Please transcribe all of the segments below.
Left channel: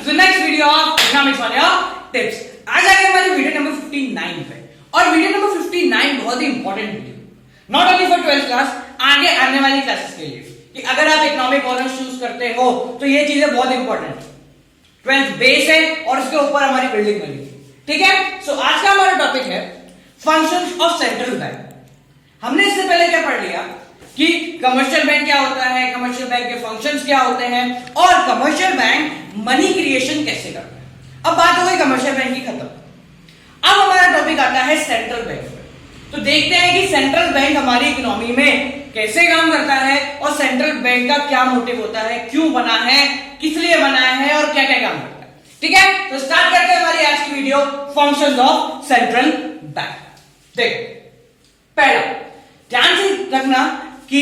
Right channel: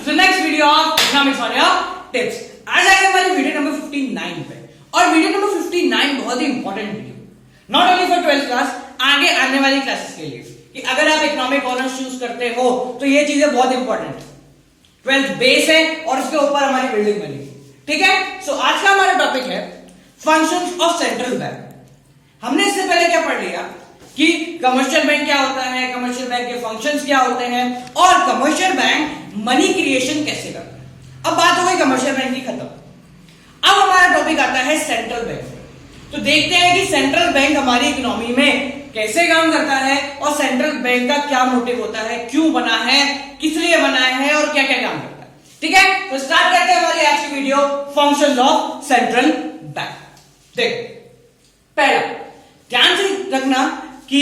To the next video of economics on your tips. आज आगे हमारी वीडियो नंबर 59 पे, और वीडियो नंबर 59 बहुत ही important video, not only for 12th class, आगे आने वाली क्लासेस के लिए कि अगर आप इकोनॉमिक ऑनर्स चूज करते हो तो ये चीजें बहुत इंपॉर्टेंट है। 12th बेस है और इसके ऊपर हमारी बिल्डिंग बनी, ठीक है। सो आज का हमारा टॉपिक है फंक्शंस ऑफ सेंट्रल बैंक। हमने इससे पहले क्या पढ़ लिया कि कमर्शियल बैंक क्या होता है, कमर्शियल बैंक के फंक्शंस क्या होते हैं, और कमर्शियल बैंक मनी क्रिएशन कैसे करता है। अब बात हो गई कमर्शियल बैंक की खत्म। अब हमारा टॉपिक आता है सेंट्रल बैंक। तो देखते हैं कि सेंट्रल बैंक हमारी इकोनॉमी में कैसे काम करता है और सेंट्रल बैंक का क्या मोटिव होता है, क्यों बना है, किस लिए बनाया है और क्या क्या काम करता है, ठीक है। तो स्टार्ट करते हैं हमारी आज की video, functions of central bank. देखो, पहला ध्यान से रखना कि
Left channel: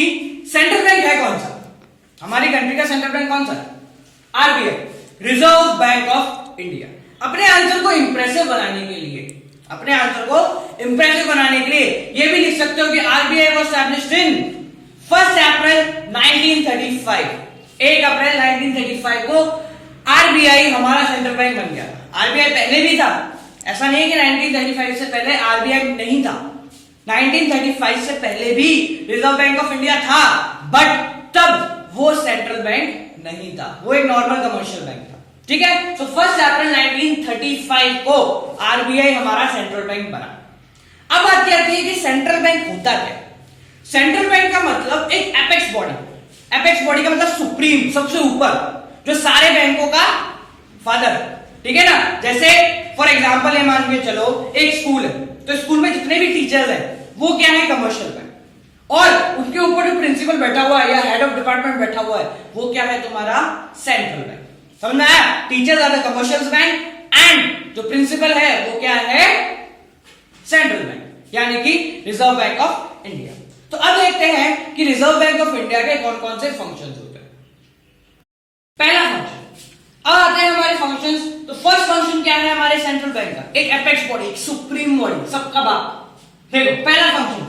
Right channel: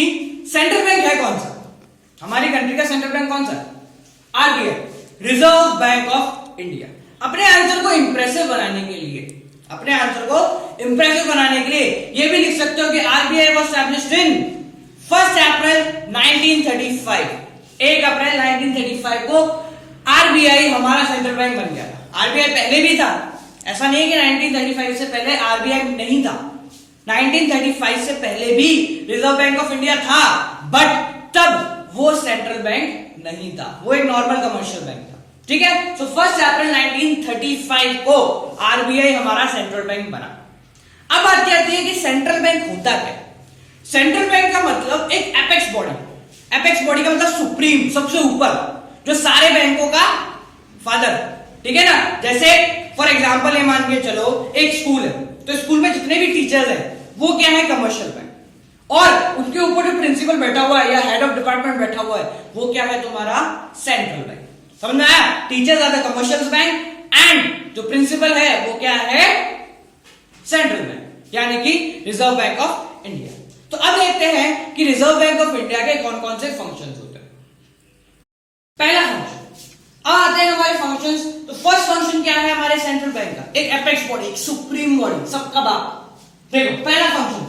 सेंट्रल बैंक है कौन सा, हमारी कंट्री का सेंट्रल बैंक कौन सा है? RBI, reserve Bank of India. अपने आंसर को इंप्रेसिव बनाने के लिए, अपने आंसर को इंप्रेसिव बनाने के लिए ये भी लिख सकते हो कि आरबीआई वाज एस्टैब्लिश्ड इन 1 अप्रैल 1935। 1 अप्रैल 1935 को आरबीआई हमारा सेंट्रल बैंक बन गया था। आरबीआई पहले भी था, ऐसा नहीं है कि 1935 से पहले आरबीआई नहीं था। 1935 से पहले भी रिजर्व बैंक ऑफ इंडिया था, बट तब वो सेंट्रल बैंक नहीं था, वो एक नॉर्मल कमर्शियल बैंक था, ठीक है। सो 1 अप्रैल 1935 को आरबीआई हमारा सेंट्रल बैंक बना। अब बात क्या आती है कि सेंट्रल बैंक होता क्या? सेंट्रल बैंक का मतलब एक एपेक्स बॉडी, एपेक्स बॉडी का मतलब सुप्रीम, सबसे ऊपर, जो सारे बैंकों का फादर, ठीक है ना। जैसे फॉर एग्जांपल ये मान के चलो एक स्कूल है, तो स्कूल में जितने भी टीचर्स हैं वो क्या है? Commercial bank. और उसके ऊपर जो प्रिंसिपल बैठा हुआ है या हेड ऑफ डिपार्टमेंट बैठा हुआ है वो क्या है? तुम्हारा सेंट्रल बैंक। समझ में आया? Teachers are the commercial bank and जो प्रिंसिपल है वो क्या है? सेंट्रल बैंक, यानी कि रिजर्व बैंक ऑफ इंडिया। तो अब देखते हैं कि रिजर्व बैंक ऑफ इंडिया के कौन कौन से फंक्शंस होते हैं। पहला फंक्शन, आते हैं हमारे फंक्शंस। तो फर्स्ट फंक्शन क्या है हमारे सेंट्रल बैंक का? एक एपेक्स बॉडी, एक सुप्रीम बॉडी, सबका बाप। देखो, पहला फंक्शन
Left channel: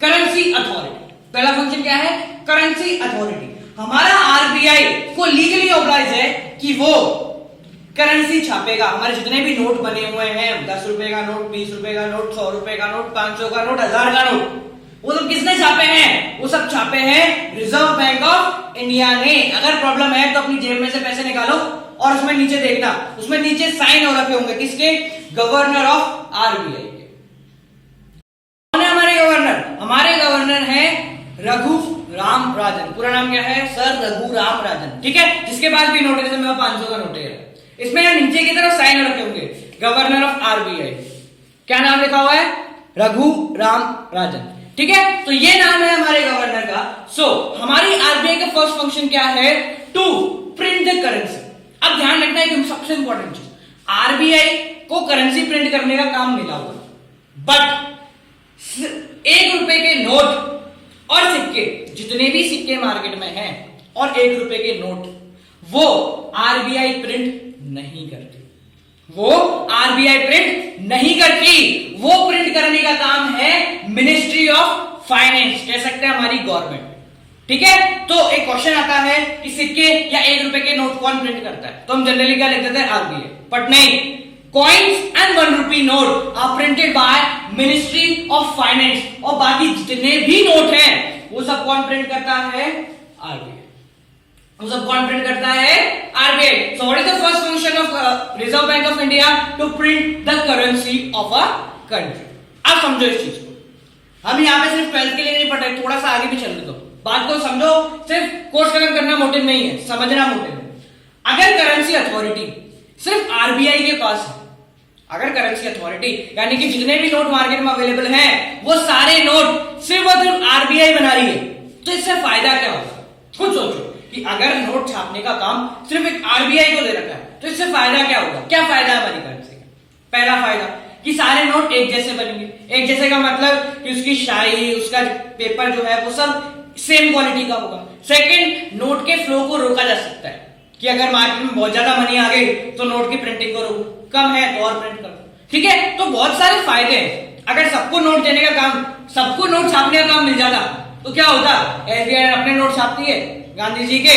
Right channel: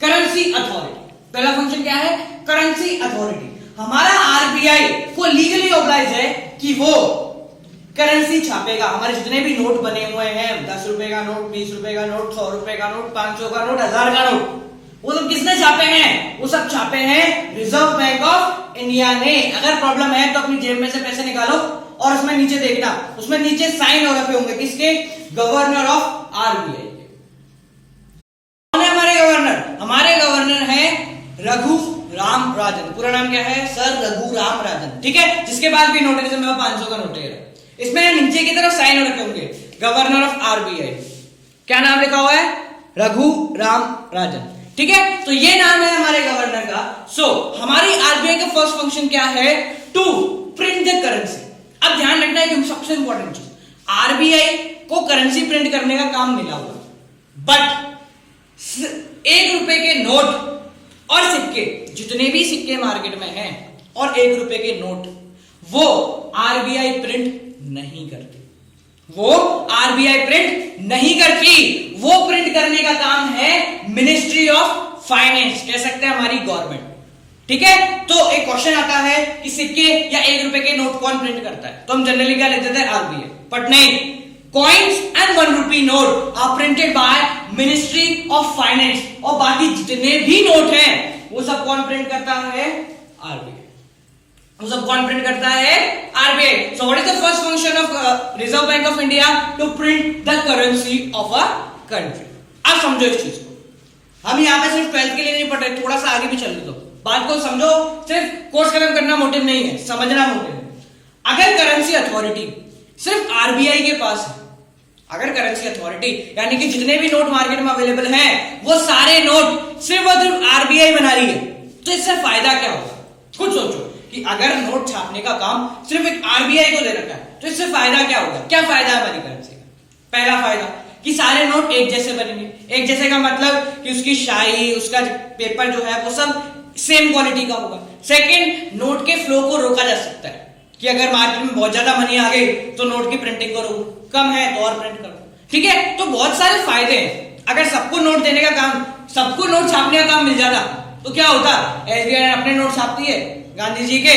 करेंसी अथॉरिटी। पहला फंक्शन क्या है? Currency authority. हमारा आरबीआई को लीगली ऑब्लाइज है कि वो करेंसी छापेगा। हमारे जितने भी नोट बने हुए हैं, 10 रुपए का नोट, 20 रुपए का नोट, 100 रुपए का नोट, 500 का नोट, 1000 का नोट, वो सब किसने छापे हैं? वो सब छापे हैं रिजर्व बैंक ऑफ इंडिया ने। अगर प्रॉब्लम है तो अपनी जेब में से पैसे निकालो और उसमें नीचे देखना, उसमें नीचे साइन हो रखे होंगे, किसके? गवर्नर ऑफ आरबीआई के। कौन है हमारे गवर्नर? हमारे गवर्नर है रघु राम राजन। पूरा नाम क्या है? सर रघु राम राजन, ठीक है। जिसके पास भी नोट है, जैसे मेरे 500 का नोट है, इसमें नीचे की तरफ साइन हो रखे होंगे, गवर्नर ऑफ आरबीआई। क्या नाम लिखा हुआ है? रघु राम राजन, ठीक है। तो ये नाम है हमारे गवर्नर का। सो हमारी आरबीआई का फर्स्ट फंक्शन क्या है? To print the currency. अब ध्यान रखना है कि सबसे इंपॉर्टेंट चीज, आरबीआई को करेंसी प्रिंट करने का काम मिला हुआ, बट 1 रुपए के नोट और सिक्के, जितने भी सिक्के मार्केट में हैं और 1 रुपए के नोट, वो आरबीआई प्रिंट नहीं करती। वो आरबीआई प्रिंट नहीं करती, वो प्रिंट करने का काम है मिनिस्ट्री ऑफ फाइनेंस, कह सकते हैं हमारी गवर्नमेंट, ठीक है। तो एक क्वेश्चन आता है कि सिक्के या 1 रुपए के नोट कौन प्रिंट करता है? तो हम जनरली क्या लिख देते हैं? आरबीआई। बट नहीं, coins and 1 rupee note are printed by ministry of finance, और बाकी जितने भी नोट हैं वो सब कौन प्रिंट करता है? आरबीआई। वो सब कौन प्रिंट करता है? RBI. So what is the first function of Reserve Bank of India? To print the currency of a country. अब समझो इस चीज को, हम यहां पे सिर्फ 12th के लिए नहीं पढ़ रहे, थोड़ा सा आगे भी चलने दो, बात को समझो। सिर्फ कोर्स खत्म करना मोटिव नहीं है, समझना मोटिव है। अगर करेंसी अथॉरिटी सिर्फ आरबीआई के पास है, अगर करेंसी अथॉरिटी यानी कि जितने भी नोट मार्केट में अवेलेबल हैं वो सारे नोट सिर्फ और सिर्फ आरबीआई बना रही है, तो इससे फायदा क्या होगा? खुद सोचो कि अगर नोट छापने का काम सिर्फ एक आरबीआई को दे रखा है तो इससे फायदा क्या होगा? क्या फायदा है हमारी करेंसी का? पहला फायदा कि सारे नोट एक जैसे बनेंगे। एक जैसे का मतलब कि उसकी शाई, उसका पेपर जो है वो सब सेम क्वालिटी का होगा। सेकंड, नोट के फ्लो को रोका जा सकता है कि अगर मार्केट में बहुत ज्यादा मनी आ गई तो नोट की प्रिंटिंग को रोको, कम है तो और प्रिंट करो, ठीक है। तो बहुत सारे फायदे हैं। अगर सबको नोट देने का काम, सबको नोट छापने का काम मिल जाता तो क्या होता? एसबीआई अपने नोट छापती है गांधी जी के,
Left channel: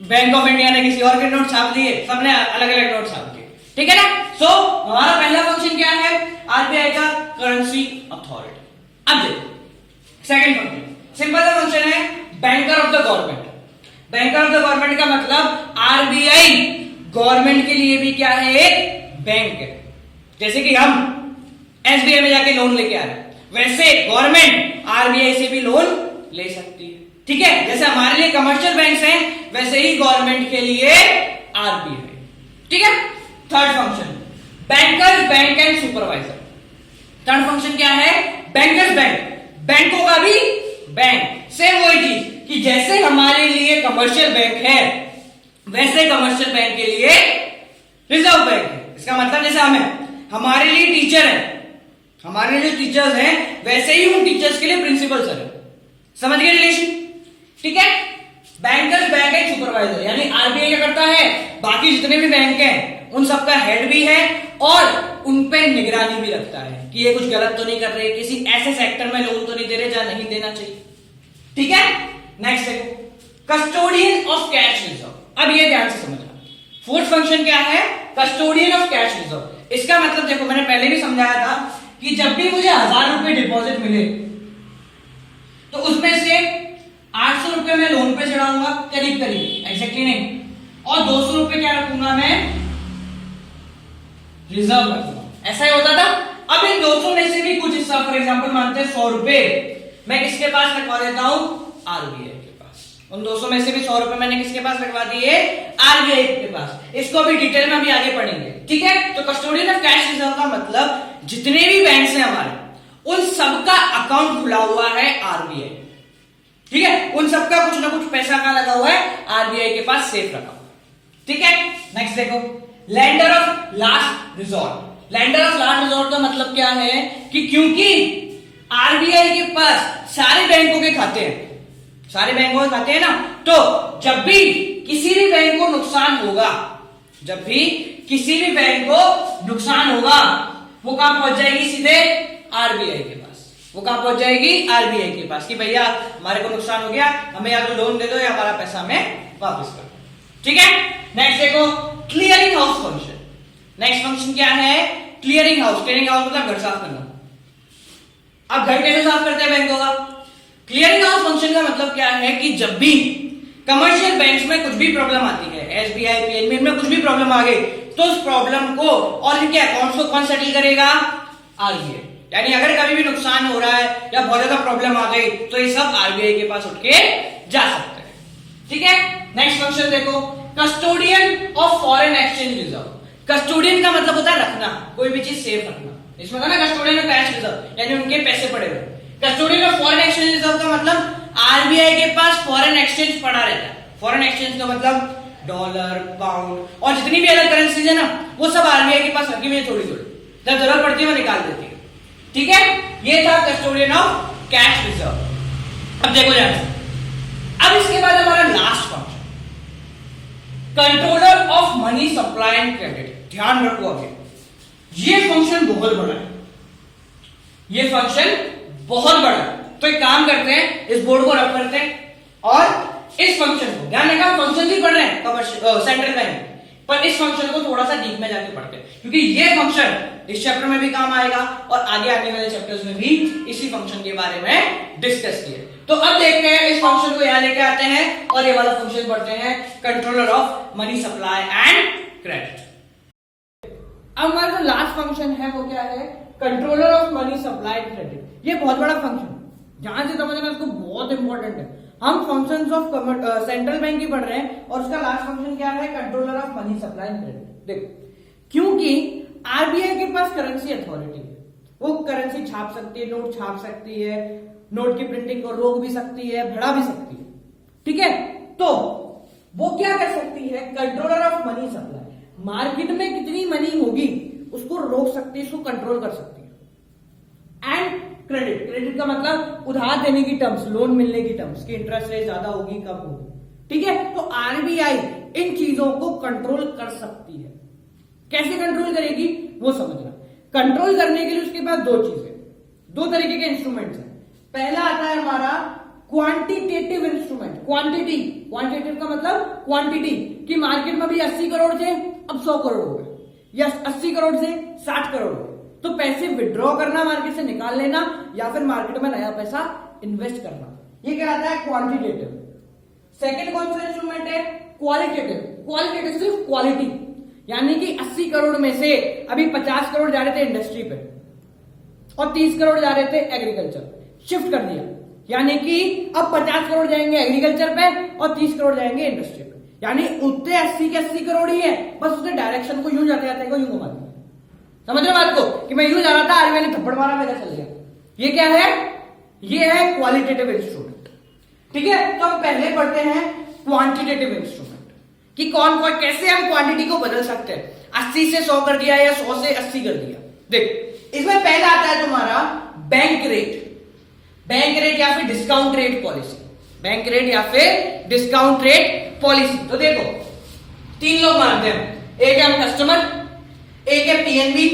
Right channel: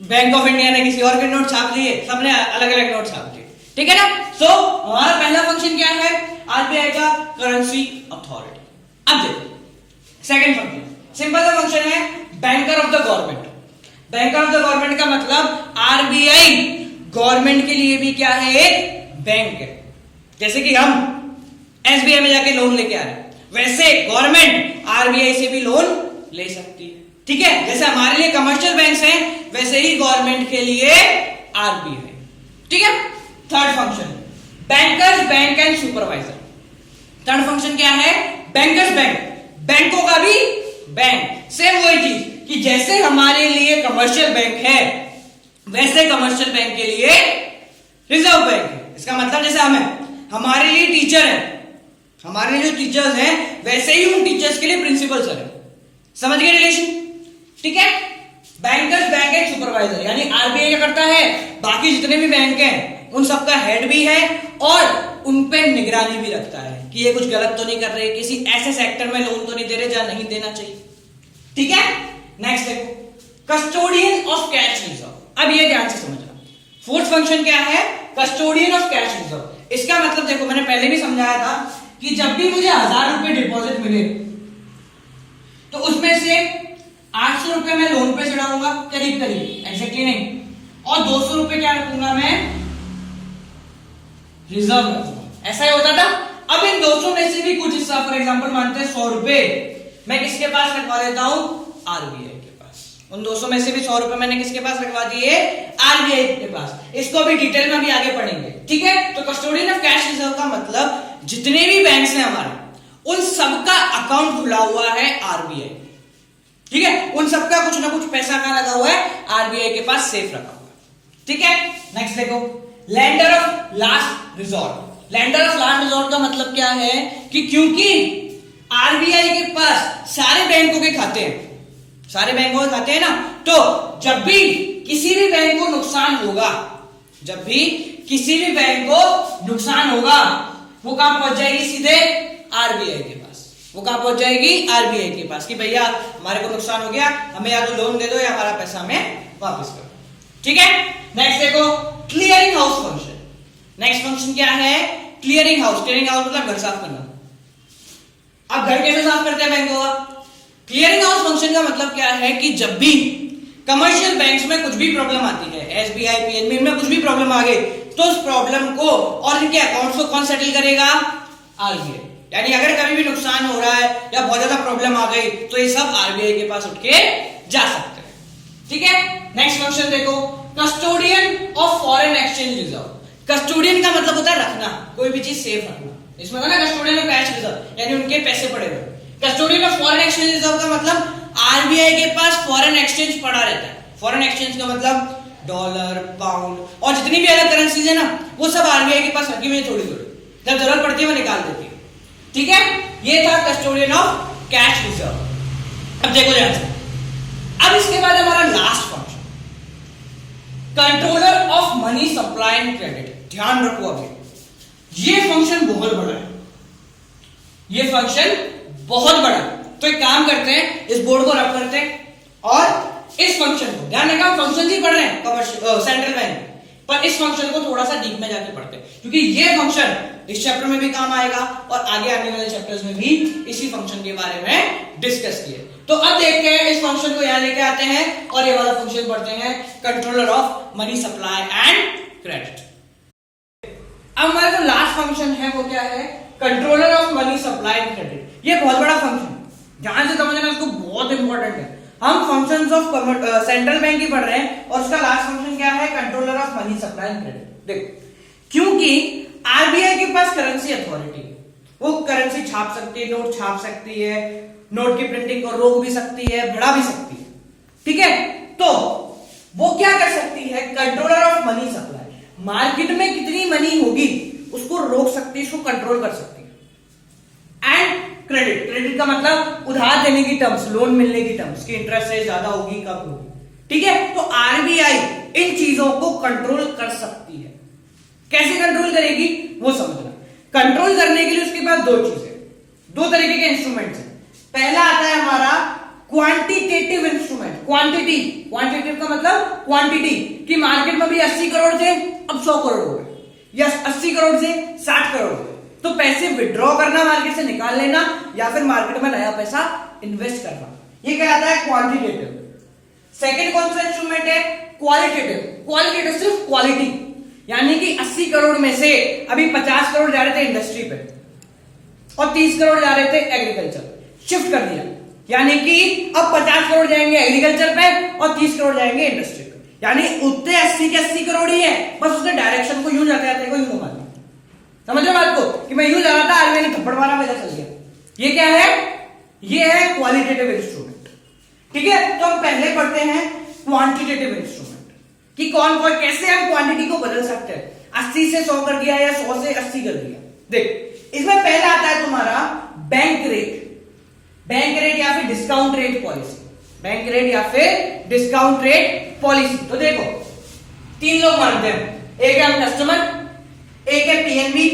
बैंक ऑफ इंडिया ने किसी और के नोट छाप लिए, सबने अलग अलग नोट छाप लिए, ठीक है ना। सो हमारा पहला फंक्शन क्या है, आरबीआई का करेंसी अथॉरिटी। अब देखो सेकंड फंक्शन, सिंपल सा फंक्शन है, banker of the government. Banker of the government का मतलब आरबीआई गवर्नमेंट के लिए भी क्या है, एक बैंक है। जैसे कि हम एसबीआई में जाके लोन लेके आ रहे हैं, वैसे गवर्नमेंट आरबीआई से भी लोन ले सकती है, ठीक है। जैसे हमारे लिए कमर्शियल बैंक्स हैं, वैसे ही गवर्नमेंट के लिए आरबीआई, ठीक है। Third function, bankers bank and supervisor. Third function क्या है, बैंकर्स बैंक, बैंकों का भी बैंक। सेम वही चीज कि जैसे हमारे लिए कमर्शियल बैंक है, वैसे कमर्शियल बैंक के लिए रिजर्व बैंक है। इसका मतलब जैसे हमारे लिए टीचर है, हमारे लिए जो टीचर्स हैं, वैसे ही उन टीचर्स के लिए प्रिंसिपल सर है। समझ गए रिलेशन, ठीक है। बैंकर्स बैंक एंड सुपरवाइजर, यानी आरबीआई क्या करता है, बाकी जितने भी बैंक हैं उन सबका हेड भी है और उन पे निगरानी भी रखता है कि ये कुछ गलत तो नहीं कर रहे, किसी ऐसे सेक्टर में लोन तो नहीं दे रहे जहां नहीं देना चाहिए, ठीक है। नेक्स्ट देखो, कस्टोडियन ऑफ कैश रिजर्व। अब ये ध्यान से समझना, फोर्थ फंक्शन क्या है, कस्टोडियन ऑफ कैश रिजर्व। इसका मतलब देखो, मैंने पहले भी समझाया था कि जब भी मुझे 1000 रुपए डिपॉजिट मिले तो उसमें से 800 रुपए मैं लोन पे चढ़ाऊंगा, करीब करीब, एग्जैक्टली नहीं, और 200 रुपए क्या रखूंगा मैं, रिजर्व रखूंगा। ऐसा ही होता था। अब इन 200 में से भी कुछ हिस्सा, फॉर एग्जांपल मानते हैं 100 रुपए मैं किसके पास रखवा देता हूं, आरबीआई के पास। उन 200 में से भी 100 रुपए मैंने किसके पास रखवा दिए, आरबीआई के पास। इसको भी डिटेल में अभी आगे पढ़ेंगे, ठीक है। तो कस्टोडियन ऑफ कैश रिजर्व का मतलब जितने भी बैंक्स हैं हमारे, उन सबका अकाउंट खुला हुआ है आरबीआई, ठीक है। उन सबका कुछ ना कुछ पैसा कहां लगा हुआ है, आरबीआई के पास सेफ रखा हुआ है, ठीक है। नेक्स्ट देखो, lender of last resort. Lender of last resort का मतलब क्या है कि क्योंकि आरबीआई के पास सारे बैंकों के खाते हैं, सारे बैंकों के खाते हैं ना, तो जब भी किसी भी बैंक को नुकसान होगा, जब भी किसी भी बैंक को नुकसान होगा, वो कहां पहुंच जाएगी, सीधे आरबीआई के पास। वो कहां पहुंच जाएगी, आरबीआई के पास, कि भैया हमारे को नुकसान हो गया, हमें या तो लोन दे दो या हमारा पैसा हमें वापस कर दो, ठीक है। नेक्स्ट देखो, clearing house function. Next function क्या है, क्लियरिंग हाउस। क्लियरिंग हाउस मतलब घर साफ करना। अब घर कैसे साफ करते हैं बैंकों का, क्लियरिंग हाउस फंक्शन का मतलब क्या है कि जब भी कमर्शियल बैंक्स में कुछ भी प्रॉब्लम आती है, एसबीआई पीएनबी में कुछ भी प्रॉब्लम आ गई, तो उस प्रॉब्लम को और इनके अकाउंट्स को कौन सेटल करेगा, आरबीआई। यानी अगर कभी भी नुकसान हो रहा है या बहुत ज्यादा प्रॉब्लम आ गई, तो ये सब आरबीआई के पास उठ के जा सकते हैं, ठीक है। नेक्स्ट फंक्शन देखो, custodian of foreign exchange reserve. Custodian का मतलब होता है रखना, कोई भी चीज सेफ रखना। इसमें ना कस्टोडियन ऑफ कैश रिजर्व, यानी उनके पैसे पड़े हुए। Custodian of foreign exchange reserve का मतलब आरबीआई के पास फॉरेन एक्सचेंज पड़ा रहता है। फॉरेन एक्सचेंज का मतलब डॉलर, पाउंड और जितनी भी अलग करेंसीज है ना, वो सब आरबीआई के पास रखी हुई है, थोड़ी थोड़ी, जब जरूरत पड़ती है वो निकाल देती है, ठीक है। ये था कस्टोडियन ऑफ कैश रिजर्व। अब देखो ध्यान से, अब इसके बाद हमारा last function, controller of money supply and credit. ध्यान रखो, अभी ये फंक्शन बहुत बड़ा है, ये फंक्शन बहुत बड़ा है। तो एक काम करते हैं, इस बोर्ड को रब करते हैं और इस फंक्शन को, ध्यान रखना फंक्शन ही पढ़ रहे हैं सेंट्रल बैंक, पर इस फंक्शन को थोड़ा सा डीप में जाके पढ़ते हैं, क्योंकि ये फंक्शन इस चैप्टर में भी काम आएगा और आगे आने वाले चैप्टर्स में भी इसी फंक्शन के बारे में डिस्कस किए। तो अब देखते हैं, इस फंक्शन को यहां लेके आते हैं और ये वाला फंक्शन पढ़ते हैं, controller of money supply and credit. अब हमारा जो लास्ट फंक्शन है वो क्या है, controller of money supply and credit. ये बहुत बड़ा फंक्शन, ध्यान से समझना, इसको बहुत इंपॉर्टेंट है। हम फंक्शंस ऑफ सेंट्रल बैंक ही पढ़ रहे हैं और उसका लास्ट फंक्शन क्या है, controller of money supply and credit. देखो, क्योंकि आरबीआई के पास करेंसी अथॉरिटी, वो करेंसी छाप सकती है, नोट छाप सकती है, नोट की प्रिंटिंग को रोक भी सकती है, बढ़ा भी सकती है, ठीक है। तो वो क्या कर सकती है, controller of money supply, market में कितनी मनी होगी उसको रोक सकती है, उसको कंट्रोल कर सकती है। एंड क्रेडिट, क्रेडिट का मतलब उधार देने की टर्म्स, लोन मिलने की टर्म्स, की इंटरेस्ट रेट ज्यादा होगी कम होगी, ठीक है। तो आरबीआई इन चीजों को कंट्रोल कर सकती है। कैसे कंट्रोल करेगी वो समझना। कंट्रोल करने के लिए उसके पास दो चीजें, दो तरीके के इंस्ट्रूमेंट्स हैं। पहला आता है हमारा क्वांटिटेटिव इंस्ट्रूमेंट। क्वांटिटी, क्वांटिटेटिव का मतलब क्वांटिटी कि मार्केट में भी 80 करोड़ थे, अब 100 करोड़ हो गए, या 80 करोड़ से 60 करोड़ हो गए, तो पैसे विड्रॉ करना, मार्केट से निकाल लेना, या फिर मार्केट में नया पैसा इन्वेस्ट करना, ये कहलाता है क्वांटिटेटिव। सेकंड कौन सा इंस्ट्रूमेंट है? क्वालिटेटिव। क्वालिटेटिव सिर्फ क्वालिटी, यानी कि 80 करोड़ में से अभी 50 करोड़ जा रहे थे इंडस्ट्री पे और 30 करोड़ जा रहे थे एग्रीकल्चर, शिफ्ट कर दिया, यानी कि अब 50 करोड़ जाएंगे एग्रीकल्चर पे और 30 करोड़ जाएंगे इंडस्ट्री पे, यानी उतने 80 के 80 करोड़ ही है, बस उसने डायरेक्शन को यूं जाते जाते को यूं घुमा दिया। समझ रहे बात को कि मैं यूं जा रहा था, आरबीआई ने थप्पड़ मारा, मैं इधर चल गया। ये क्या है? ये है क्वालिटेटिव इंस्ट्रूमेंट। ठीक है, तो हम पहले पढ़ते हैं क्वांटिटेटिव इंस्ट्रूमेंट कि कौन कौन कैसे हम क्वांटिटी को बदल सकते हैं। 80 से 100 कर दिया या 100 से 80 कर दिया। देख, इसमें पहला आता है तुम्हारा बैंक रेट। बैंक रेट या फिर discount rate policy. Bank rate या फिर डिस्काउंट रेट पॉलिसी। तो देखो, 3 लोग मानते हैं, एक है हम कस्टमर, एक है पीएनबी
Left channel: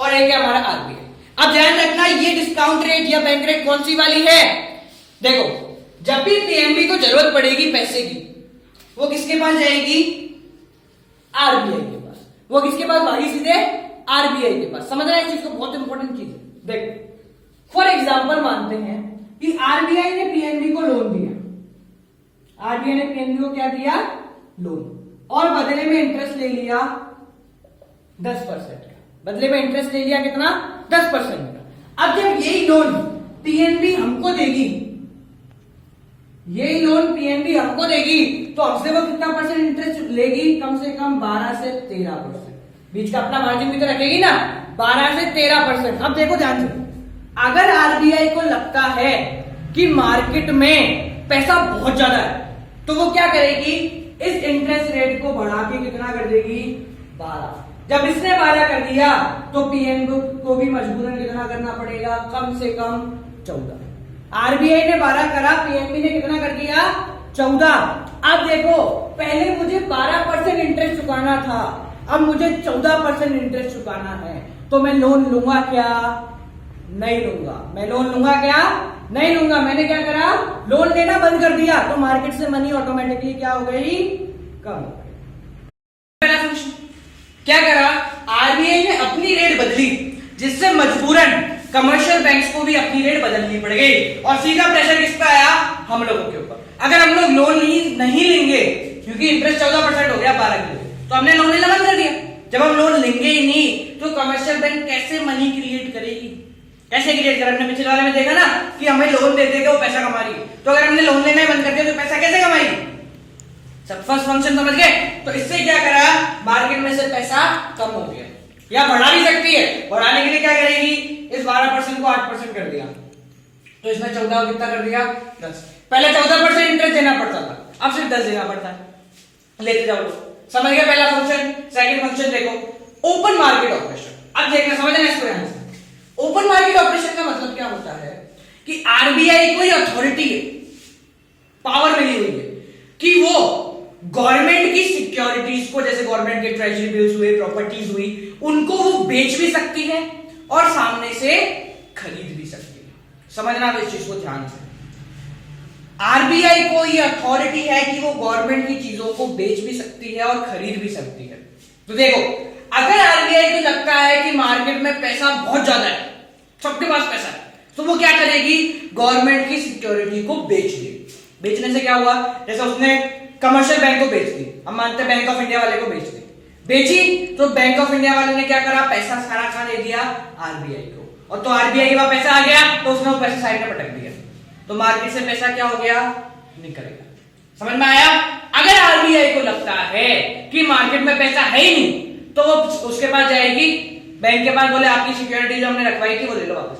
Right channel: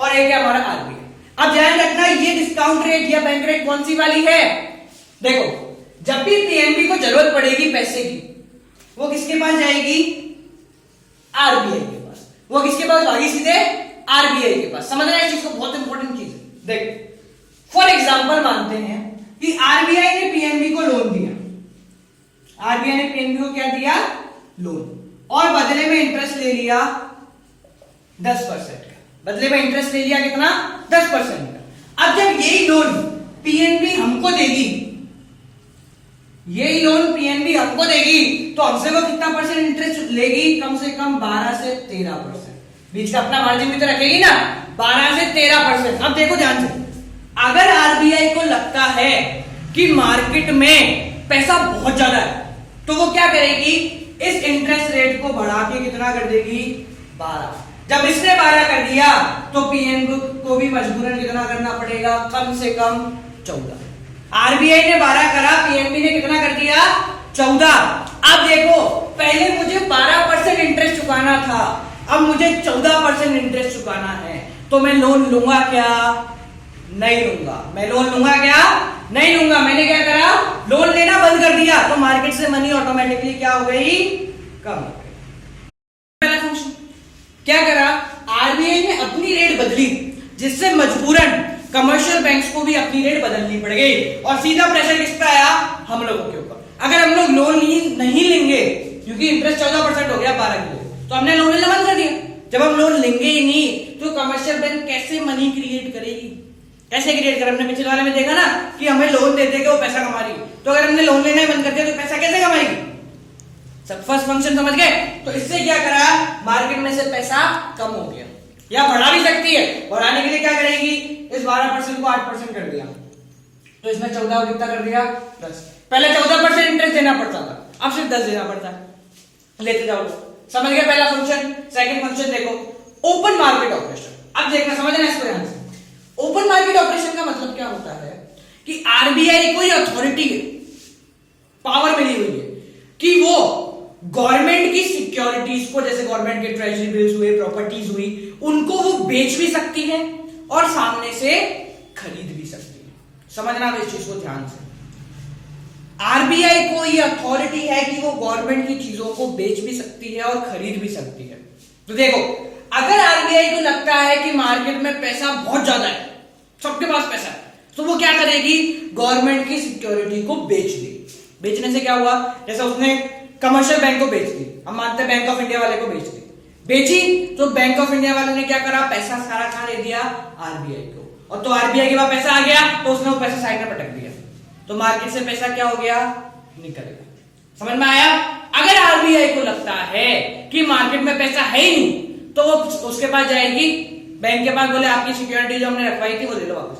और एक है हमारा आरबीआई। अब ध्यान रखना, ये डिस्काउंट रेट या बैंक रेट कौन सी वाली है? देखो, जब भी पीएनबी को जरूरत पड़ेगी पैसे की, वो किसके पास जाएगी? आरबीआई के पास। वो किसके पास भागी? सीधे आरबीआई के पास। समझना इस चीज को, बहुत इंपॉर्टेंट चीज है। देख, फॉर एग्जांपल मानते हैं कि आरबीआई ने पीएनबी को लोन दिया। आरबीआई ने पीएनबी को क्या दिया? लोन, और बदले में इंटरेस्ट ले लिया 10% का। बदले में इंटरेस्ट ले लिया कितना? 10% का। अब जब यही लोन पीएनबी हमको देगी, यही लोन पीएनबी हमको देगी, तो हमसे वो कितना परसेंट इंटरेस्ट लेगी? कम से कम 12 से 13%। बीच का अपना मार्जिन भी तो रखेगी ना, 12 से 13%। अब देखो ध्यान से, अगर आरबीआई को लगता है कि मार्केट में पैसा बहुत ज्यादा है, तो वो क्या करेगी? इस इंटरेस्ट रेट को बढ़ा के कितना कर देगी? 12। जब इसने 12 कर दिया, तो पीएनबी को भी मजबूरन कितना करना पड़ेगा? कम से कम 14। आरबीआई ने 12 करा, पीएनबी ने कितना कर दिया? 14। अब देखो, पहले मुझे 12% इंटरेस्ट चुकाना था, अब मुझे 14% इंटरेस्ट चुकाना है, तो मैं लोन लूंगा क्या? नहीं लूंगा। मैं लोन लूंगा क्या? नहीं लूंगा। मैंने क्या करा? लोन लेना बंद कर दिया, तो मार्केट से मनी ऑटोमेटिकली क्या हो गई? कम हो गई। पहला फंक्शन क्या करा? आरबीआई ने अपनी रेट बदली, जिससे मजबूरन कमर्शियल बैंक्स को भी अपनी रेट बदलनी पड़ गई, और सीधा प्रेशर किस पे आया? हम लोगों के ऊपर। अगर हम लोग लोन नहीं लेंगे, क्योंकि इंटरेस्ट 14% हो गया 12 के, तो हमने लोन लेना बंद कर दिया। जब हम लोन लेंगे ही नहीं, तो कमर्शियल बैंक कैसे मनी क्रिएट करेगी? कैसे क्रिएट करें? हमने पिछले वाले में देखा ना कि हमें लोन दे देगा, वो पैसा कमा रही है। तो अगर हमने लोन लेना बंद कर दिया, तो पैसा कैसे कमाएगी? सब फर्स्ट फंक्शन समझ गए? तो इससे क्या करा? मार्केट में से पैसा कम हो गया, या बढ़ा भी सकती है। बढ़ाने के लिए क्या करेगी? इस 12% को 8% कर दिया, तो इसमें 14 को कितना कर दिया? 10। पहले 14% इंटरेस्ट देना पड़ता था, अब सिर्फ 10 देना पड़ता है। लेते जाओ, समझ गए पहला फंक्शन। सेकंड फंक्शन देखो, ओपन मार्केट ऑपरेशन। अब देखना, समझना इसको ध्यान से। ओपन मार्केट ऑपरेशन का मतलब क्या होता है कि आरबीआई को अथॉरिटी है, पावर मिली हुई है कि वो गवर्नमेंट की सिक्योरिटीज को, जैसे गवर्नमेंट के ट्रेजरी बिल्स हुए, प्रॉपर्टीज हुई, उनको वो बेच भी सकती है और सामने से खरीद भी सकती है। समझना इस चीज को ध्यान से। आरबीआई को ये अथॉरिटी है कि वो गवर्नमेंट की चीजों को बेच भी सकती है और खरीद भी सकती है। तो देखो, अगर आरबीआई को लगता है कि मार्केट में पैसा बहुत ज्यादा है, सबके पास पैसा है, तो वो क्या करेगी? गवर्नमेंट की सिक्योरिटी को बेच देगी। बेचने से क्या हुआ? जैसे उसने कमर्शियल बैंक को बेच दी, हम मानते हैं बैंक ऑफ इंडिया वाले को बेच दी, बेची, तो बैंक ऑफ इंडिया वाले ने क्या करा? पैसा सारा कहां दे दिया? आरबीआई को। और तो आरबीआई के पास पैसा आ गया, तो उसने वो पैसा साइड में पटक दिया, तो मार्केट से पैसा क्या हो गया? निकल गया। समझ में आया? अगर आरबीआई को लगता है कि मार्केट में पैसा है ही नहीं, तो वो उसके पास जाएगी, बैंक के पास, बोले आपकी सिक्योरिटी जो हमने रखवाई थी वो ले लो वापस,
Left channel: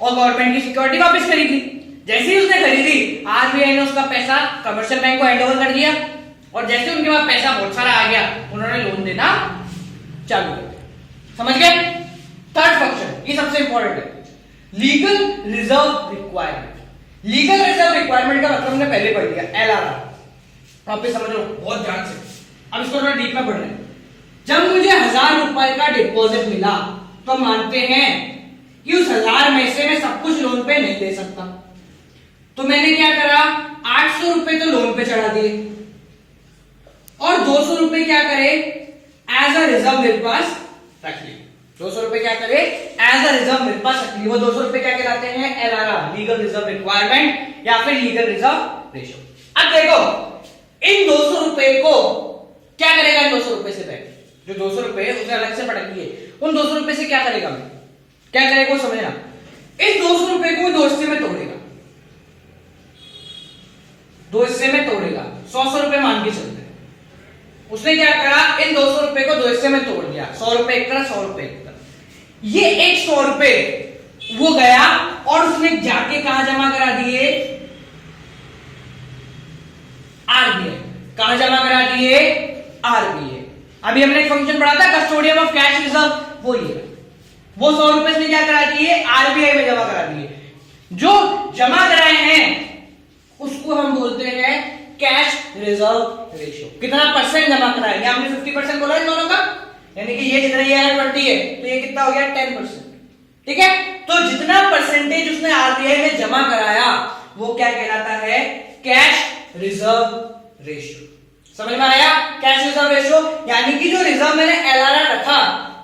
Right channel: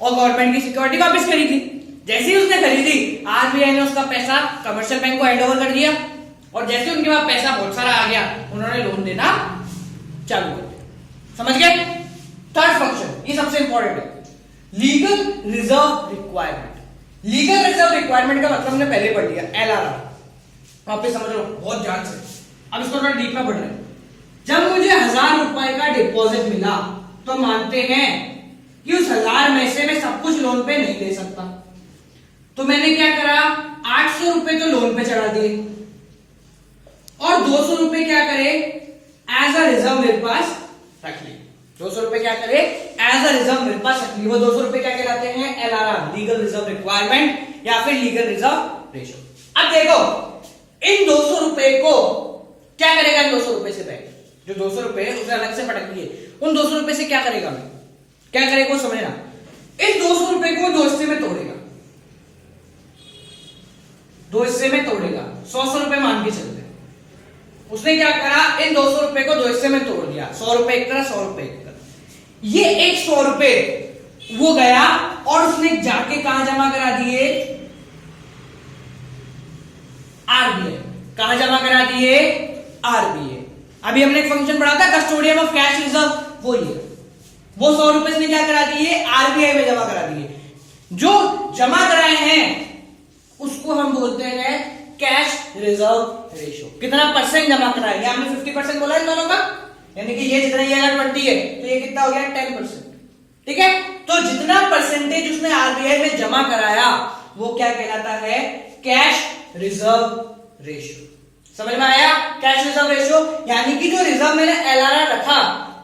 और गवर्नमेंट की सिक्योरिटी वापस खरीद ली। जैसे ही उसने खरीदी, आरबीआई ने उसका पैसा कमर्शियल बैंक को हैंड ओवर कर दिया, और जैसे उनके पास पैसा बहुत सारा आ गया, उन्होंने लोन देना चालू कर दिया। समझ गए? थर्ड फंक्शन, ये सबसे इंपॉर्टेंट है, legal reserve requirement. Legal reserve requirement का मतलब हमने पहले पढ़ लिया, एलआरआर। आप भी समझ लो बहुत ध्यान से, अब इसको थोड़ा डीप में पढ़ रहे हैं। जब मुझे 1000 रुपए का डिपॉजिट मिला, तो मानते हैं कि उस 1000 में से मैं सब कुछ लोन पे नहीं दे सकता, तो मैंने क्या करा? 800 रुपए तो लोन पे चढ़ा दिए, 200 रुपए क्या करे, एज अ रिजर्व मेरे पास रख लिए। 200 रुपए क्या करे, एज अ रिजर्व मेरे पास रख लिए। वो 200 रुपए क्या कहलाते हैं, LRR, लीगल रिजर्व रिक्वायरमेंट या फिर लीगल रिजर्व रेशो। अब देखो इन 200 रुपए को क्या करेगा, इन 200 रुपए से बैंक जो 200 रुपए उसे अलग से पटक लिए, उन 200 रुपए से क्या करेगा, मैं क्या करेगा वो समझना। इस 200 रुपए को 2 हिस्से में तोड़ेगा, 2 हिस्से में तोड़ेगा, 100 रुपए मान के चलते हैं। उसने क्या करा, इन 200 रुपए को 2 हिस्से में तोड़ दिया, 100 रुपए एक तरफ, 100 रुपए एक तरफ। ये एक 100 रुपए वो गया और उसने जाके कहां जमा करा दिए, RBI। कहां जमा करा दिए, RBI। अभी हमने एक फंक्शन पढ़ा था कस्टोडियन ऑफ कैश रिजर्व, वो ये वो 100 रुपए से क्या करा दिए, RBI में जमा करा दिए। जो जमा कराए हैं उसको हम बोलते हैं कैश रिजर्व रेशो। कितना परसेंट जमा कराएंगे, हमने 50% बोला इन दोनों का, यानी कि ये जितना, ये अगर 20 है तो ये कितना हो गया, 10%। ठीक है, तो जितना परसेंटेज उसने RBI में जमा कराया वो क्या कहलाता है, कैश रिजर्व रेशो। समझ में आया, कैश रिजर्व रेशो यानी कि जो रिजर्व मैंने LRR रखा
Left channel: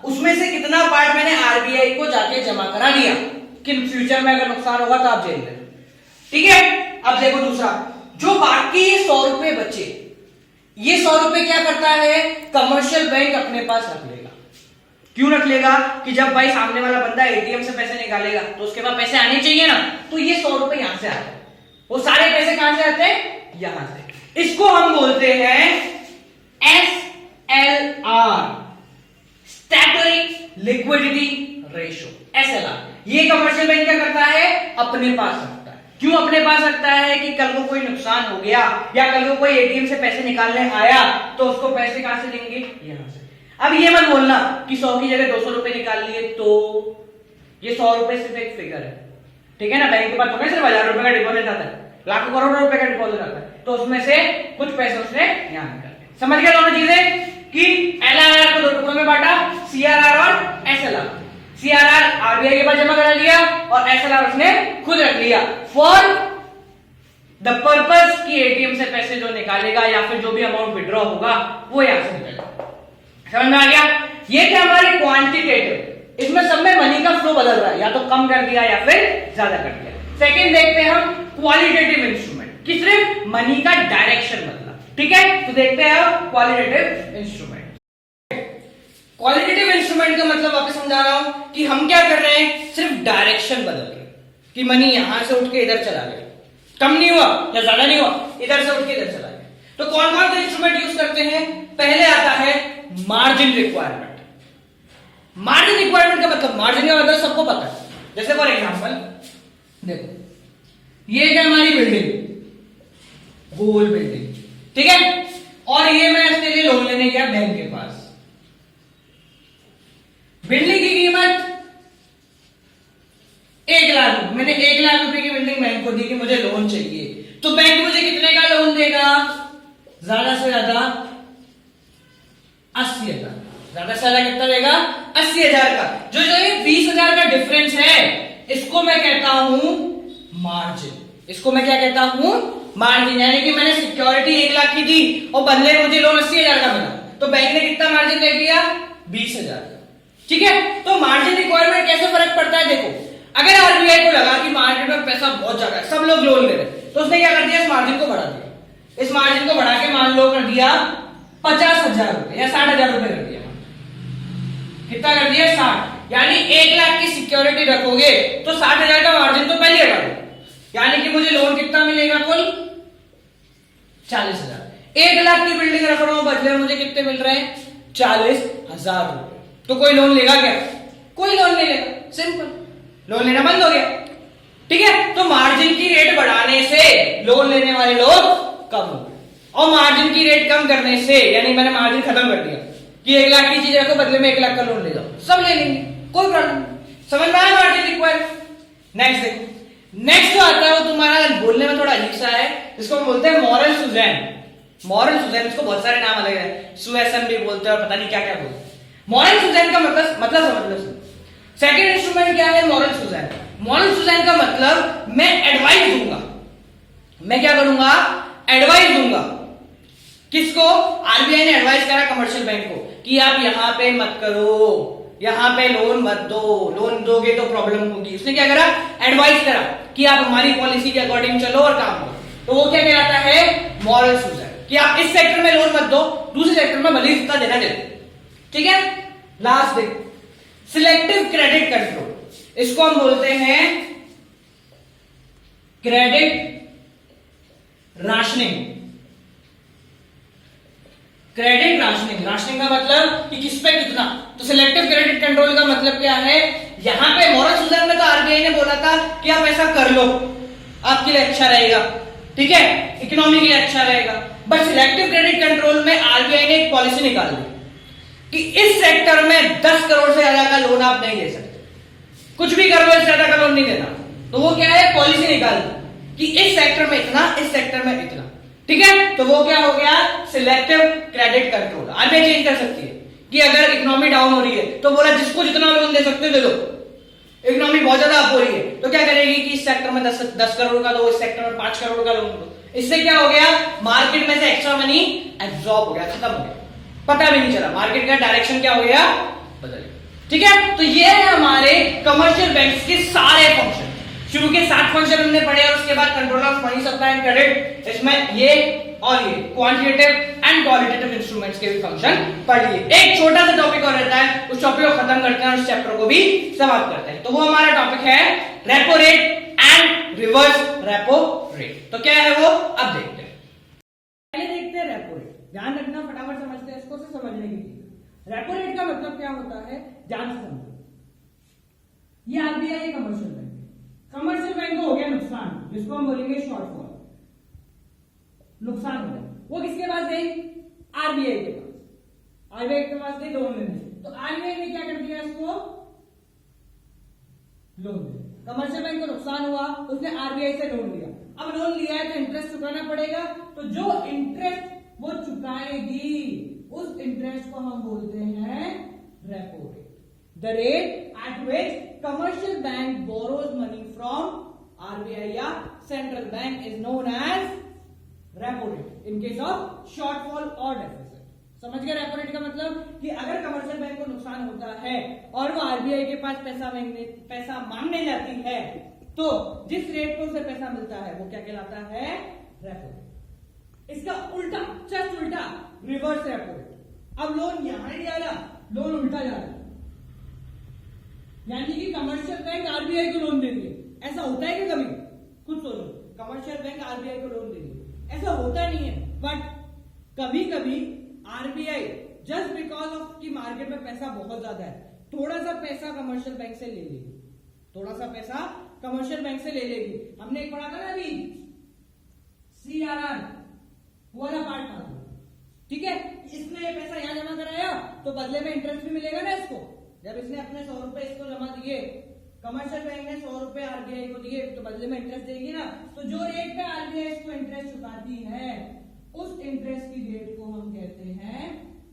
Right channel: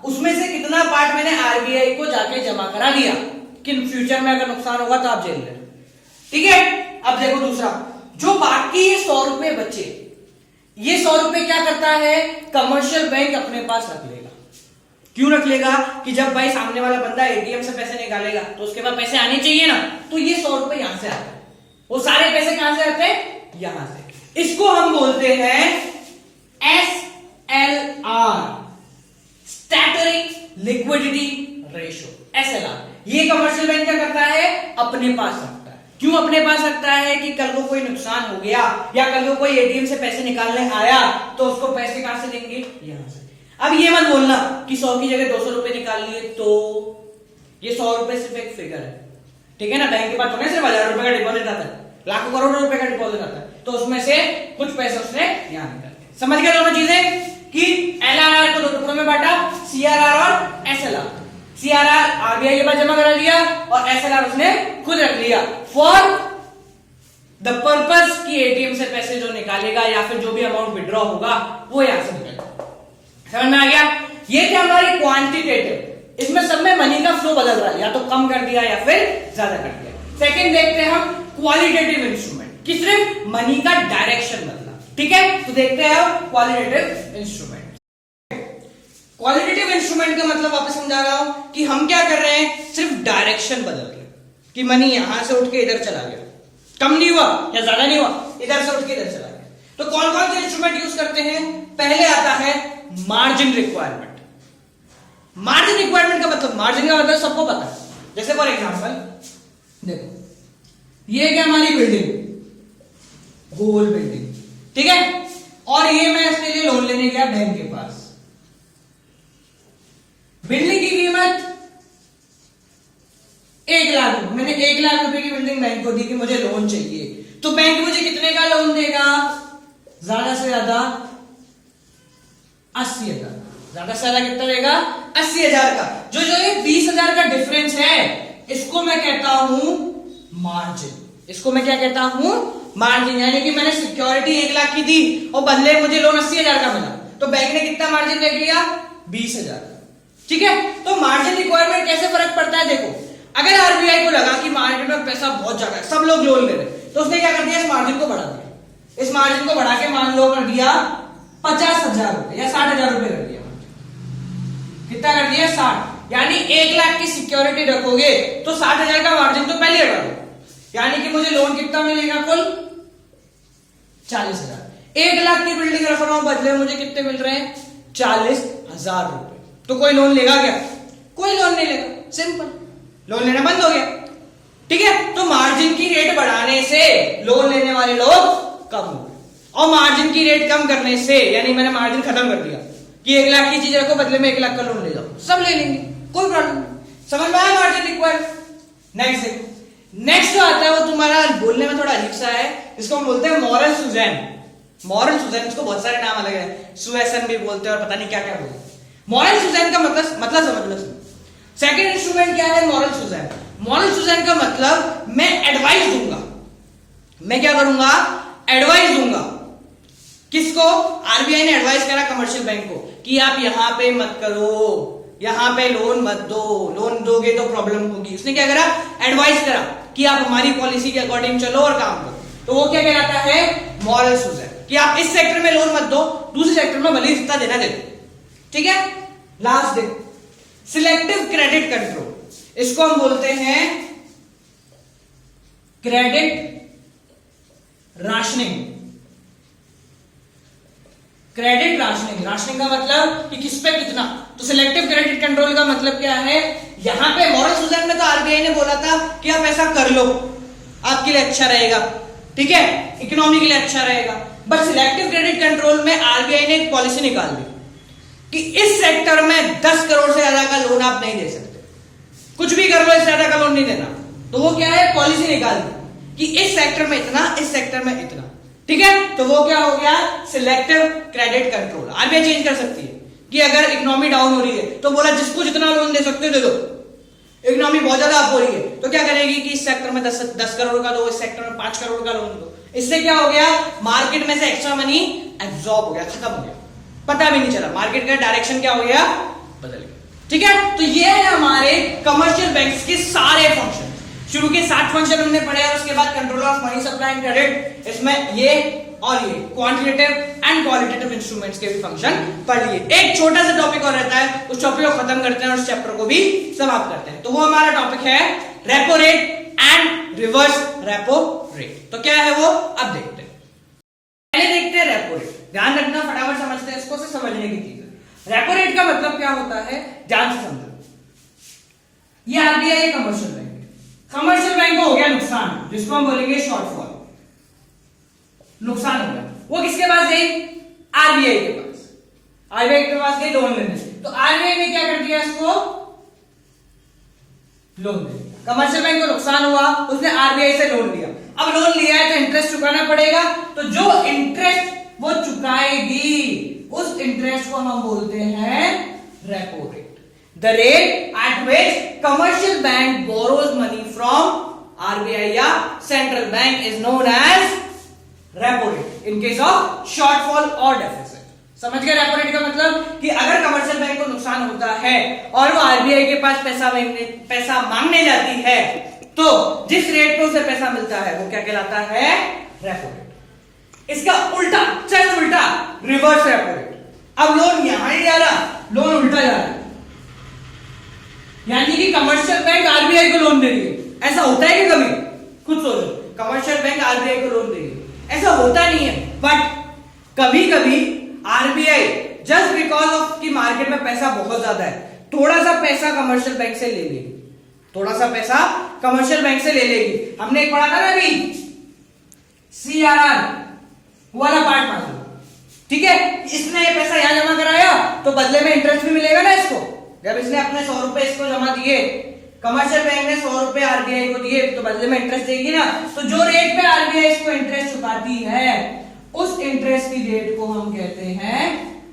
उसमें से कितना पार्ट मैंने RBI को जाके जमा करा दिया कि फ्यूचर में अगर नुकसान होगा तो आप झेल लेना। ठीक है, अब देखो दूसरा, जो बाकी 100 रुपए बचे, ये 100 रुपए क्या करता है, कमर्शियल बैंक अपने पास रख लेगा। क्यों रख लेगा, कि जब भाई सामने वाला बंदा ATM से पैसे निकालेगा तो उसके पास पैसे आने चाहिए ना, तो ये 100 रुपए यहां से आते हैं। वो सारे पैसे कहां से आते हैं, यहां से। इसको हम बोलते हैं SLR, statutory liquidity ratio, SLR। ये कमर्शियल बैंक क्या करता है, अपने पास रखता है। क्यों अपने पास रखता है, कि कल को कोई नुकसान हो गया या कल को कोई ATM से पैसे निकालने आया तो उसको पैसे कहां से देंगे, यहां से। अब ये मत बोलना कि 100 की जगह 200 रुपए निकाल लिए, तो ये 100 रुपए सिर्फ एक फिगर है, ठीक है ना। बैंक के पास थोड़ा सिर्फ 1000 रुपए का डिपॉजिट आता है, लाखों करोड़ों रुपए का डिपॉजिट आता है, तो उसमें से कुछ पैसे उसने यहां निकाले। समझ गए दोनों चीजें, कि LRR को 2 टुकड़ों में बांटा, CRR और SLR। CRR RBI के पास जमा करा लिया और SLR उसने खुद रख लिया फॉर द पर्पस कि ATM से पैसे जो निकालेगा या फिर जो भी अमाउंट विड्रॉ होगा वो यहां से निकलेगा। समझ में आ गया, ये क्या हमारी क्वांटिटेटिव, इसमें सब में मनी का फ्लो बदल रहा है, या तो कम कर दिया या फिर ज्यादा कर दिया। सेकंड देखते हैं हम क्वालिटेटिव इंस्ट्रूमेंट, कि सिर्फ मनी का डायरेक्शन बदला। ठीक है, तो देखते हैं अब क्वालिटेटिव इंस्ट्रूमेंट। क्वालिटेटिव इंस्ट्रूमेंट का मतलब वापस समझा रहा हूं कि हम क्या कर रहे हैं, सिर्फ डायरेक्शन बदल रहे हैं, कि मनी यहां से उठ के इधर चला गया, कम नहीं हुआ या ज्यादा नहीं हुआ, इधर से उठ के इधर चला गया। तो कौन कौन से इंस्ट्रूमेंट यूज करते हैं, पहले आता है मार्जिन रिक्वायरमेंट। मार्जिन रिक्वायरमेंट का मतलब, मार्जिन का मतलब सबको पता है। जैसे फॉर एग्जांपल देखो, ये क्या हमारी बिल्डिंग, गोल बिल्डिंग, ठीक है, और ये मैं इसके लिए लोन लेने गया बैंक के पास। बिल्डिंग की कीमत 1 लाख रुपए, मैंने 1 लाख रुपए की बिल्डिंग बैंक को दी कि मुझे लोन चाहिए, तो बैंक मुझे कितने का लोन देगा, ज्यादा से ज्यादा 80,000, ज्यादा से ज्यादा कितना देगा, 80,000 का। जो ये 20,000 का डिफरेंस है, इसको मैं कहता हूं मार्जिन। इसको मैं क्या कहता हूं, मार्जिन। यानी कि मैंने सिक्योरिटी 1 लाख की दी और बदले मुझे लोन 80,000 का मिला, तो बैंक ने कितना मार्जिन रख लिया, 20,000 का। ठीक है, तो मार्जिन रिक्वायरमेंट कैसे फर्क पड़ता है, देखो अगर RBI को लगा कि मार्केट में पैसा बहुत ज्यादा है, सब लोग लोन ले रहे, तो उसने क्या कर दिया, इस मार्जिन को बढ़ा दिया। इस मार्जिन को बढ़ा के मान लो कर दिया 50,000 रुपए या 60,000 रुपए कर दिया। कितना कर दिया, 60। यानी 1 लाख की सिक्योरिटी रखोगे तो 60,000 का मार्जिन तो पहले हटा दो, यानी कि मुझे लोन कितना मिलेगा, कुल 40,000। 1 लाख की बिल्डिंग रख रहा हूं, बदले मुझे कितने मिल रहे हैं, 40,000 रुपए। तो कोई लोन लेगा क्या, कोई लोन नहीं लेगा, सिंपल, लोन लेना बंद हो गया। ठीक है, तो मार्जिन की रेट बढ़ाने से लोन लेने वाले लोग कम हो गए, और मार्जिन की रेट कम करने से, यानी मैंने मार्जिन खत्म कर दिया कि 1 लाख की चीज रखो, बदले में 1 लाख का लोन ले जाओ, सब ले लेंगे, कोई प्रॉब्लम नहीं। समझ में आया मार्जिन रिक्वायरमेंट। नेक्स्ट जो आता है वो तुम्हारा बोलने में थोड़ा अजीब सा है, जिसको हम बोलते हैं मॉरल सुजैन। मॉरल सुजैन, इसको बहुत सारे नाम अलग है, सुएसन भी बोलते हैं और पता नहीं क्या क्या बोलते हैं। मॉरल सुजैन का मतलब समझ लो। सेकंड इंस्ट्रूमेंट क्या है, मॉरल सुजैन। मॉरल सुजैन का मतलब मैं एडवाइस दूंगा, मैं क्या करूंगा, एडवाइस दूंगा किसको? आरबीआई ने एडवाइस करा कमर्शियल बैंक को कि आप यहां पे मत करो, यहां पे लोन मत दो, लोन दोगे तो प्रॉब्लम होगी। उसने क्या करा? एडवाइस करा कि आप हमारी पॉलिसी के अकॉर्डिंग चलो और काम करो। तो वो क्या कहलाता है? मॉरल सुसाइड, कि आप इस सेक्टर में लोन मत दो, दूसरे सेक्टर में भले जितना देना दे। ठीक है, लास्ट देख, सिलेक्टिव क्रेडिट कंट्रोल, इसको हम बोलते हैं credit rationing. Credit rationing, rationing का मतलब कि किस पे कितना। तो सिलेक्टिव क्रेडिट कंट्रोल का मतलब क्या है? यहां पे मॉरल सुसाइड में तो आरबीआई ने बोला था कि आप ऐसा कर लो, आपके लिए अच्छा रहेगा, ठीक है, इकोनॉमी के लिए अच्छा रहेगा। बट सिलेक्टिव क्रेडिट कंट्रोल में आरबीआई ने एक पॉलिसी निकाल दी कि इस सेक्टर में 10 करोड़ से ज्यादा का लोन आप नहीं दे सकते, कुछ भी कर लो, इससे ज्यादा का लोन नहीं देना। तो वो क्या है? पॉलिसी निकाल दी कि इस सेक्टर में इतना, इस सेक्टर में इतना। ठीक है, तो वो क्या हो गया? Selective credit control. RBI change कर सकती है कि अगर इकोनॉमी डाउन हो रही है तो बोला जिसको जितना लोन दे सकते हो दे दो, इकोनॉमी बहुत ज्यादा अप हो रही है तो क्या करेगी कि इस सेक्टर में 10 करोड़ का दो, इस सेक्टर में 5 करोड़ का लोन दो। इससे क्या हो गया? मार्केट में से एक्स्ट्रा मनी एब्जॉर्ब हो गया, खत्म हो गया, पता भी नहीं चला, मार्केट का डायरेक्शन क्या हो गया? बदल गया। ठीक है, तो ये है हमारे कमर्शियल बैंक्स के सारे फंक्शन। शुरू के 7 फंक्शन हमने पढ़े और उसके बाद controller of money supply and credit, इसमें ये और ये क्वांटिटेटिव एंड क्वालिटेटिव इंस्ट्रूमेंट्स के भी फंक्शन पढ़ लिए। एक छोटा सा टॉपिक और रहता है, उस टॉपिक को खत्म करते हैं और उस चैप्टर को भी समाप्त करते हैं। तो वो हमारा टॉपिक है repo rate and reverse repo rate. तो क्या है वो? अब देखते हैं। पहले देखते हैं रेपो रेट। ध्यान रखना, फटाफट समझते हैं इसको, से समझने की चीज। रेपो रेट का मतलब क्या होता है? ध्यान से समझो। ये RBI commercial bank, commercial bank को हो गया नुकसान, जिसको हम बोलेंगे शॉर्टफॉल, नुकसान हो गया। वो किसके पास गई? आरबीआई के पास। आरबीआई के पास गई लोन लेने। तो आरबीआई ने क्या कर दिया? इसको लोन दे दिया। कमर्शियल बैंक को नुकसान हुआ, उसने आरबीआई से लोन लिया। अब लोन लिया है तो इंटरेस्ट चुकाना पड़ेगा, तो जो इंटरेस्ट वो चुकाएगी उस इंटरेस्ट को हम बोलते हैं repo rate. The rate at which commercial bank borrows money from RBI या central bank is known as repo rate in case of shortfall or deficit। समझ गए रेपो रेट का मतलब? कि अगर कमर्शियल बैंक को नुकसान होता है और वो आरबीआई के पास पैसा मांगने जाती है, तो जिस रेट पे उसे पैसा मिलता है वो क्या कहलाता है? Repo rate. इसका उल्टा, चल उल्टा, रिवर्स रेपो रेट। अब लोन यहां ही जा रहा, लोन उल्टा जा रहा, यानी कि कमर्शियल बैंक आरबीआई को लोन दे रही है। ऐसा होता है कि कभी? खुद सोचो, कमर्शियल बैंक आरबीआई को लोन दे रही है, ऐसा होता नहीं है। बट कभी कभी आरबीआई जस्ट बिकॉज ऑफ कि मार्केट में पैसा बहुत ज्यादा है, थोड़ा सा पैसा कमर्शियल बैंक से ले लेगी, थोड़ा सा पैसा कमर्शियल बैंक से ले लेगी। हमने एक पढ़ा था ना अभी, सीआरआर वाला पार्ट पढ़ा था। ठीक है, इसने ये पैसा यहां जमा कराया तो बदले में इंटरेस्ट भी मिलेगा ना इसको। जब इसने अपने 100 रुपए इसको जमा दिए, कमर्शियल बैंक ने 100 रुपए आरबीआई को दिए, तो बदले में इंटरेस्ट देगी ना। तो जो रेट पे आरबीआई इसको इंटरेस्ट चुकाती है, उस इंटरेस्ट की रेट को हम कहते हैं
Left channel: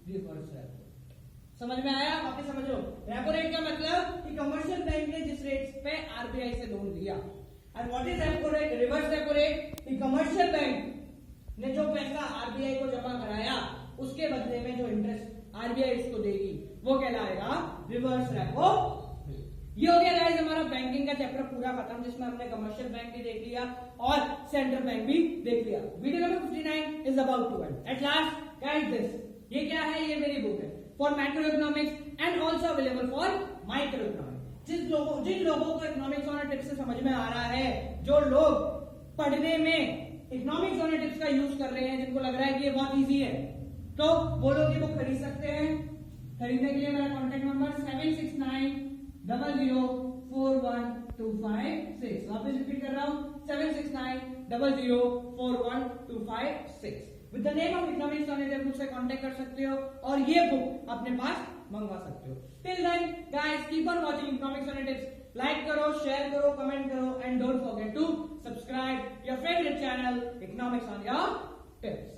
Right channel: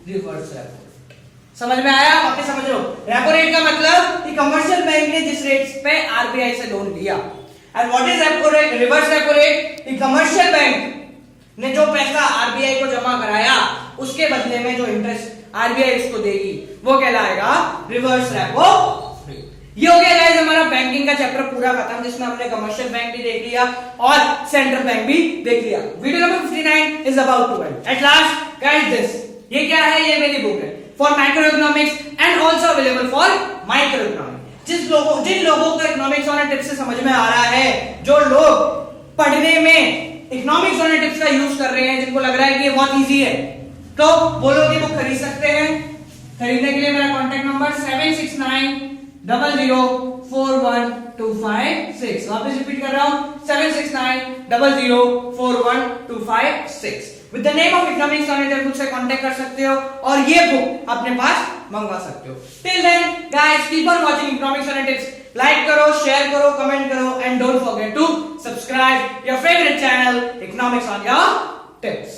रिवर्स रेपो रेट। समझ में आया? वापस समझ लो। रेपो रेट का मतलब कि कमर्शियल बैंक ने जिस रेट पे आरबीआई से लोन लिया। And what is repo rate? Reverse repo rate कि कमर्शियल बैंक ने जो पैसा आरबीआई को जमा कराया, उसके बदले में जो इंटरेस्ट आरबीआई इसको देगी, वो कहलाएगा रिवर्स रेपो रेट। ये हो गया गाइस हमारा बैंकिंग का चैप्टर पूरा खत्म, जिसमें हमने कमर्शियल बैंक भी देख लिया और सेंट्रल बैंक भी देख लिया। Video number 59 is about to end. At last guys this, ये क्या है? ये मेरी बुक है for micro economics and also available for micro economics. जिन लोगों को इकोनॉमिक्स वाला टिप्स से समझ में आ रहा है, जो लोग पढ़ने में इकोनॉमिक्स वाले टिप्स का यूज कर रहे हैं, जिनको लग रहा है कि ये बहुत इजी है, तो वो लोग ये बुक खरीद सकते हैं। खरीदने के लिए मेरा कॉन्टेक्ट नंबर 7690041256। वापस रिपीट कर रहा हूं, 7690041256। With the name of economics online मुझसे कांटेक्ट कर सकते हो और ये बुक अपने पास मंगवा सकते हो। Till then guys, keep on watching economics online tips. Like करो, शेयर करो, कमेंट करो and don't forget to subscribe your favourite channel economics on your tips.